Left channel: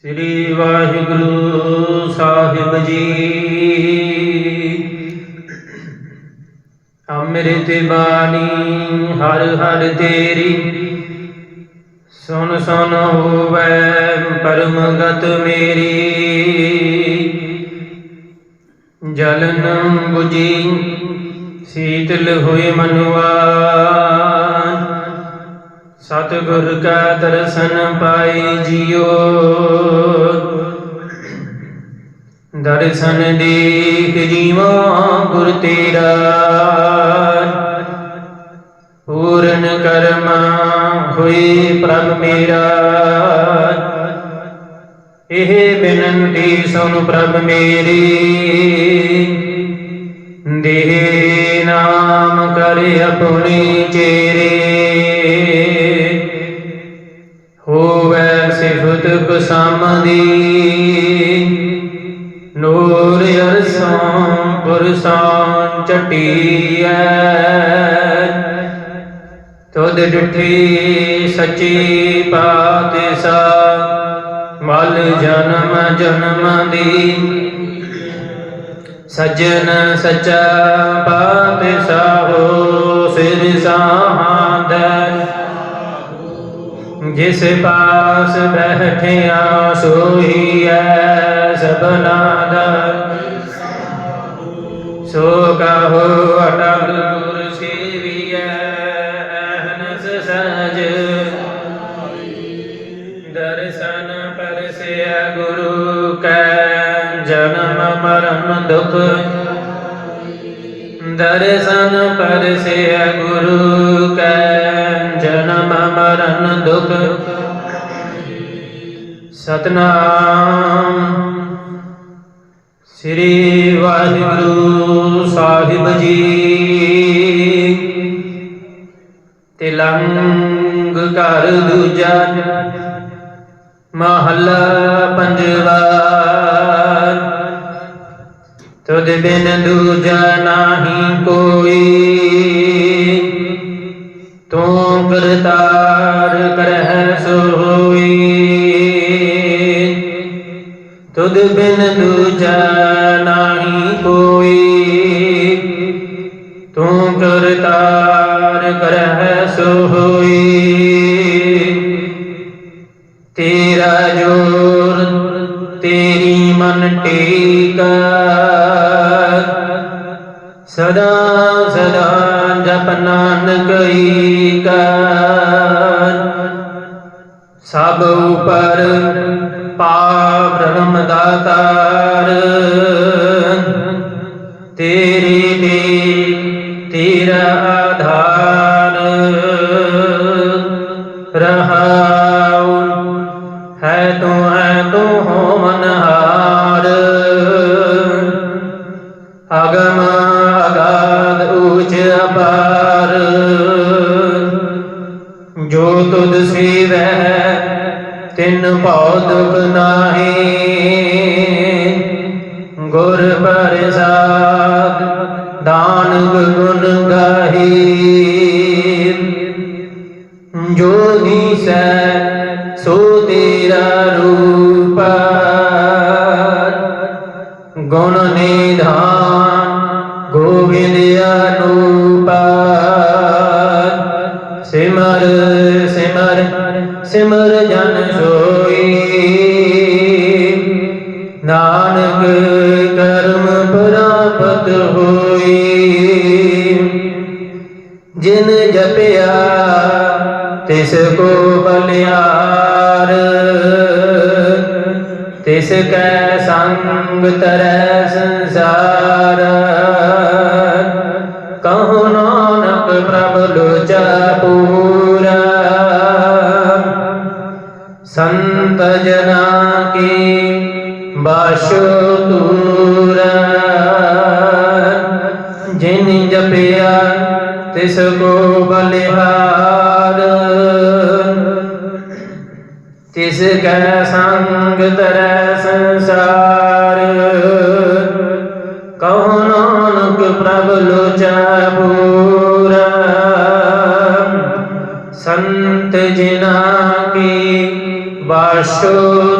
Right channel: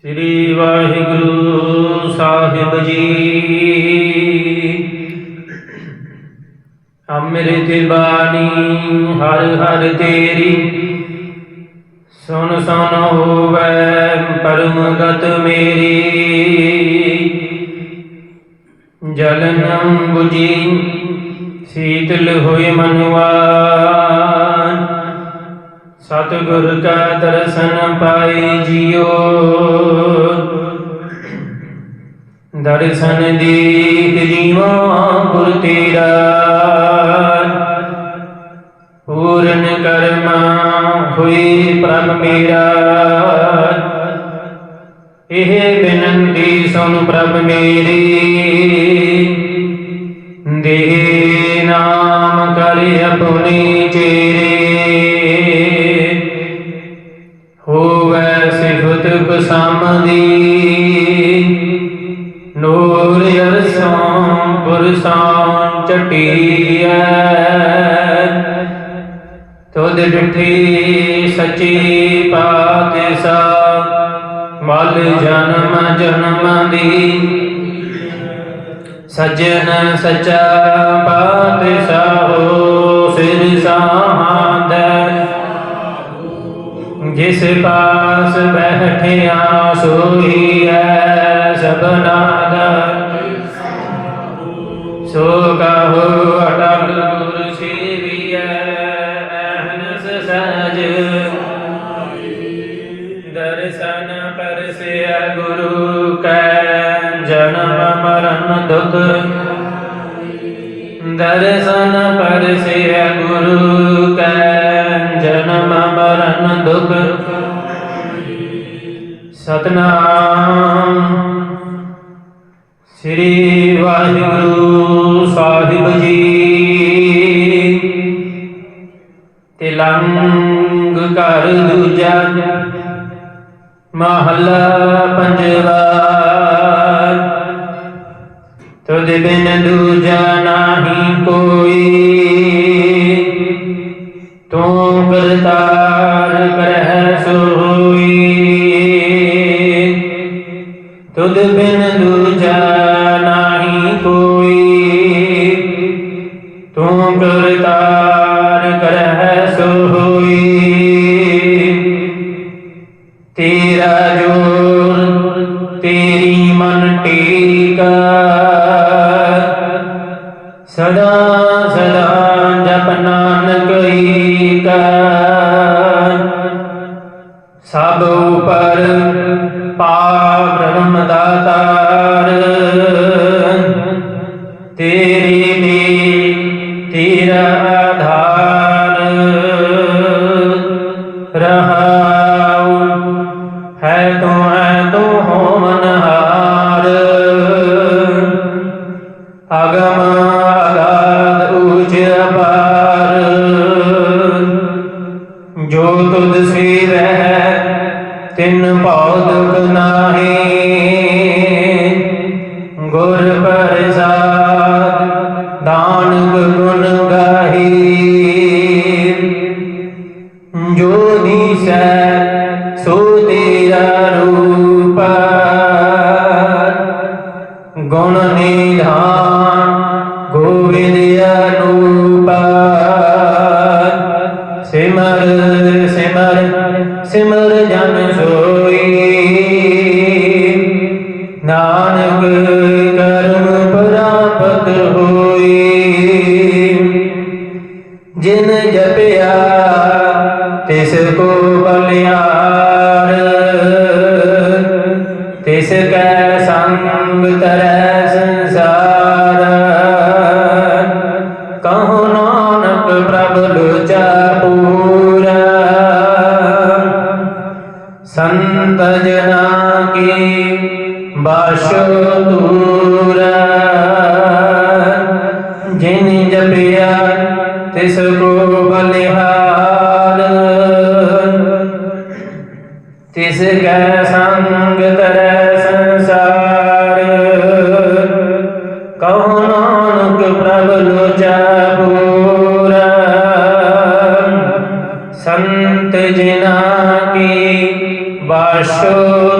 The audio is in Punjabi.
ਸ੍ਰੀ ਵਾਹਿਗੁਰੂ ਸਾਹਿਬ ਜੀ। ਅੰਮ੍ਰਿਤ ਬਾਣੀ, ਹਰ ਹਰ ਤੇਰੀ। ਸੁਣ ਸੁਣ ਹੋਵੇ ਪਰਮ ਮੇਰੀ। ਜਲਨ 부ਜੀ, ਸੀਤਲ ਹੋਏ ਮਨਵਾ ਸਤਿਗੁਰ ਕਾ ਦਰਸ਼ਨ ਪਾਈ ਜਿਉ ਦਰਸ਼ਨ ਦੀਖ ਜੀਵਾ ਗੁਰ ਤੇਰਾ। ਪੂਰਨ ਕਰਮਾ ਹੋਈ ਪ੍ਰਭ ਮੇਰਾ। ਇਹ ਬਿਨੰਤੀ ਸੁਨ ਪ੍ਰਭ ਮੇਰੀ। ਦੇ ਨਾਮ ਕਰੇ ਆਪਣੀ ਕਸਮਦੀ ਨੂਰ ਅਰਸਾਂ ਪੁਰਸਾਂ ਚਟੀਐ ਤੁਧ ਡਿਠੀ ਸੱਚੀ ਪਾਤਿਸਾ ਮਲ ਜਨਮ ਜਨਮ ਦੀ। ਸਜਣ ਸਚਾ ਪਾਤਸ਼ਾਹੋ ਸਿਰ ਦੇ। ਜਿਸ ਪਾਸ ਬੈਠਿਆ ਸੋਈ ਹੈ ਸਭਨਾ ਦਾ ਸੋ ਕਹੋ ਅਟਲ ਗੁਰ ਸੇਵੀਐ ਅਹਨਸ ਸਜ। ਦਰਸ਼ਨ ਪਰਸਿਆ ਗੁਰੂ ਕੈ, ਜਨਮ ਮਰਨ ਦੁਖ। ਦਰਸ਼ਨ ਪਰਸਿਆ ਗੁਰੂ ਕੈ, ਜਨਮ ਦੁਖ, ਸਤਨਾਮ। ਸ੍ਰੀ ਵਾਹਿਗੁਰੂ ਸਾਹਿਬ ਜੀ। ਤਿਲੰਗ ਘਰ ਦੂਜਾ ਮਹੱਲਾ ਪੰਜਵਾ। ਤੁਧ ਬਿਨ ਦੂਜਾ ਨਾਹੀ ਕੋਈ ਤੂੰ ਕਰਤਾਰ ਕਰਹਿ ਸੋਈ ਤੁਧ ਬਿਨ ਦੂਜਾ ਨਾਹੀ ਕੋਈ। ਤੂੰ ਕਰਤਾਰ ਕਰਹਿ ਸੋਈ ਤੇਰਾ ਜੋਰ ਤੇਰੀ ਮਨ ਟੀਕਾ। ਸਦਾ ਈਕਾ ਸਭ ਉਪਰ ਪਾ ਬ੍ਰਹਮ ਦਾਤਾਰ ਤੇਰੀ। ਦੀ ਤੇਰਾ ਆਧਾਰ। ਰਹਾਉ ਹੈ ਤੂੰ ਹੈ ਤੂੰ ਹੋ ਮਨਹਾਰ। ਅਗਮ ਜੋ ਤੁਧ ਸੇਵੈ, ਤਿਨ ਭਉ ਦੁਖ ਨਾਹੀ। ਗੁਰ ਪ੍ਰਸਾਦ, ਦਾਨ ਗੁਣ ਗਾਹੀ। ਜੋ ਦੀਸੈ, ਸੋ ਤੇਰਾ ਸਿਮਰ ਜਨ ਸੋਈ ਨਾਨਕ ਕਰਮ ਪ੍ਰਾਪਤ ਹੋਈ। ਜਿਨ ਜਪਿਆ, ਤਿਸ ਕੋ ਬਲਿਆਰ। ਤਿਸ ਕੈ ਸੰਗ ਤਰੈ ਸੰਸਾਰ। ਕਹੋ ਨਾਨਕ ਪ੍ਰਭ ਲੋਚਾ ਪੂਰਾ। ਸੰਤ ਜਨਾ ਕੀ ਬਾਸ਼ੋ ਦੂਰਾ ਜਿਨ ਜਪਿਆ ਤਿਸ ਕੋ ਬਲਿਹਾਰ। ਤਿਸ ਕੈ ਸੰਗ ਤਰੈ so